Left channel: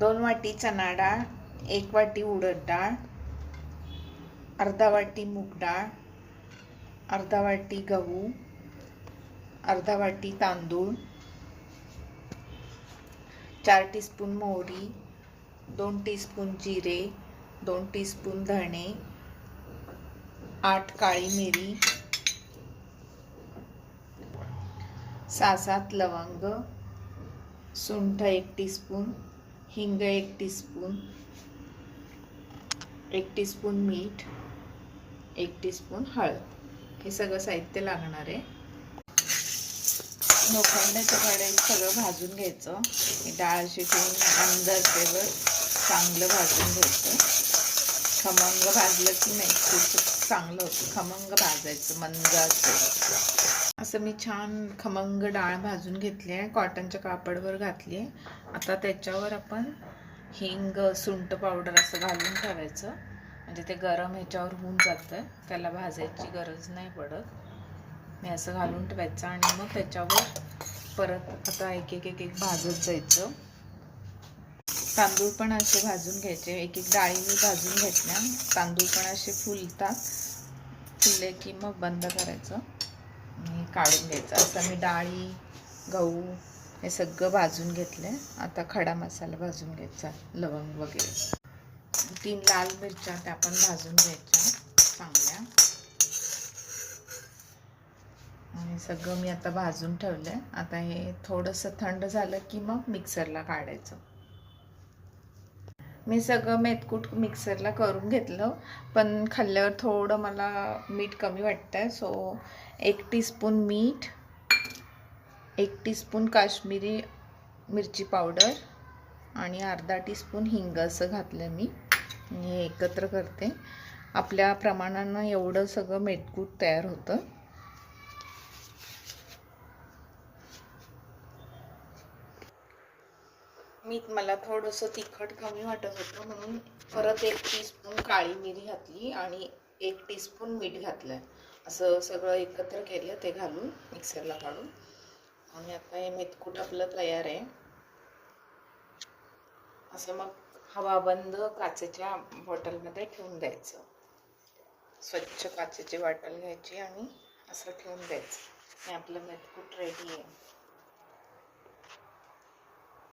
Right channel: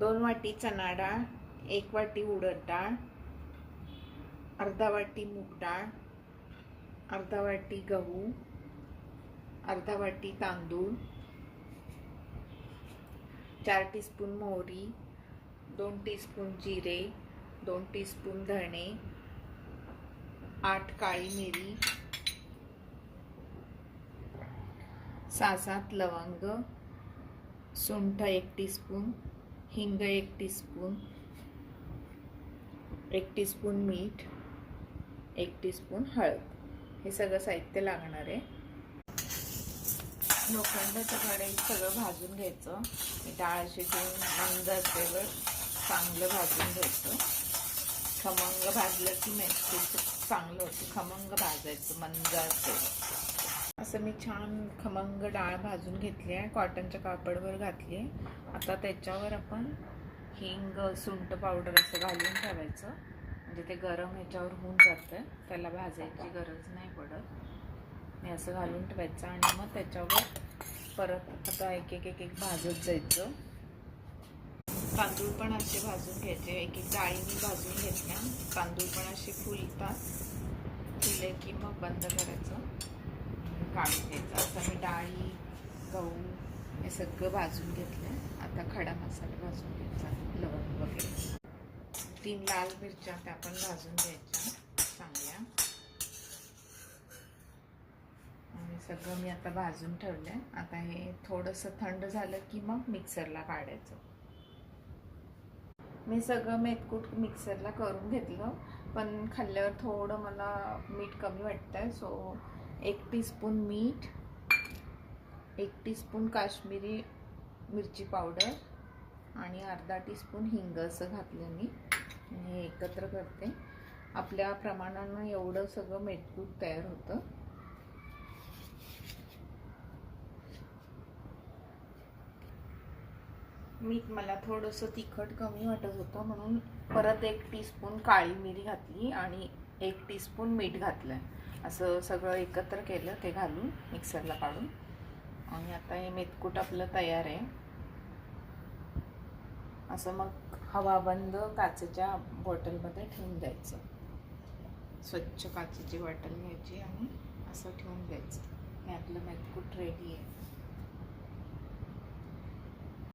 2 वाटी चना डाळ, 1 वाटी उडद डाळ, अर्धा वाटी मूग डाळ, अर्धा वाटी गहू, अर्धा वाटी तांदूळ, 4 टीस्पून मोहरी, 2 टीस्पून जिरे, 2 टीस्पून धणे, 8 काळी मिरी, 6-7 लवंग, सुंठ 1 टीस्पून, हिंग 1 टीस्पून, 1 टीस्पून मीठ, 1 टीस्पून हळद. हे सगळं साहित्य लागणार आहे. लोखंडाच्या कढईत सगळं भाजून घ्यायचं. ही डाळ अशी ठेवून मंद आचेवर चांगलं भाजून घ्यायचं. खमंग भाजलं की नाही खूप चांगलं होतं. खमंग भाजायचं मंद आचेवर. असं मी छान खमंग डाळ भाजून घेतली आहे. कॉटनच्या कापडवर घातली आहे. आता त्याच्यावर आपण हिंग, सुंठ पावडर असं घालून ठेवायचं. म्हणजे ते गरम ह्याच्यावर होऊन जातं. त्याला भाजायची गरज नाही पडत. मी असं घालून ठेवायचं आणि मग त्याच्यावर परत आता एक एक भाजत जायचं. तांदूळ पण असे भाजून घ्यायचे. एक डाळी मी भाजून घेतल्या. तांदूळ पण असे फुलतात. फुलले की मग बंद करायचं आणि काढून घ्यायचं. असं मी डाळी, गहू हे सगळं भाजून घेतलं. आता खडा मसाला भाजून घ्यायचा. लवंग वगैरे. 3 लाल मिरच्या त्या पण भाजून घ्यायच्या चांगल्या. आणि सगळं मी आता भाजून ठेवलं आहे. आता हे थोडंसं थंड झालं की मग मिक्सरला काढायचं. मी सगळं मेथकूट मिक्सरला करून घेतलं. पण खाल्ल्यावर थोडं मला मीठ कमी वाटतं आहे. सो 1 टीस्पून मीठ, 1 टीस्पून काश्मीरी मिरची पावडर आणि अर्धा टीस्पून हिंग असं घातलं मी. हे एकत्र करते. आपल्या प्रमाणानं एवढं सगळं मेथकूट तयार होतं. मला थोडंसं तिखट कमी वाटत होतं म्हणून परत 1 टीस्पून काळी मिरी घातली आणि 1 टीस्पून मीठ घातलं. असं सगळं एकत्र केलं ते घालून मिक्सरला काढून. आणि आता हे मेथकूट आपलं तयार आहे. असं मग हवाबंद काचेच्या बॉटलमध्ये ठेवून द्यायचं. स्वच्छ काचेची बॉटल घ्यायची आणि असं ठेवून द्यायचं. हे आपलं मेथकूट रेडी आहे.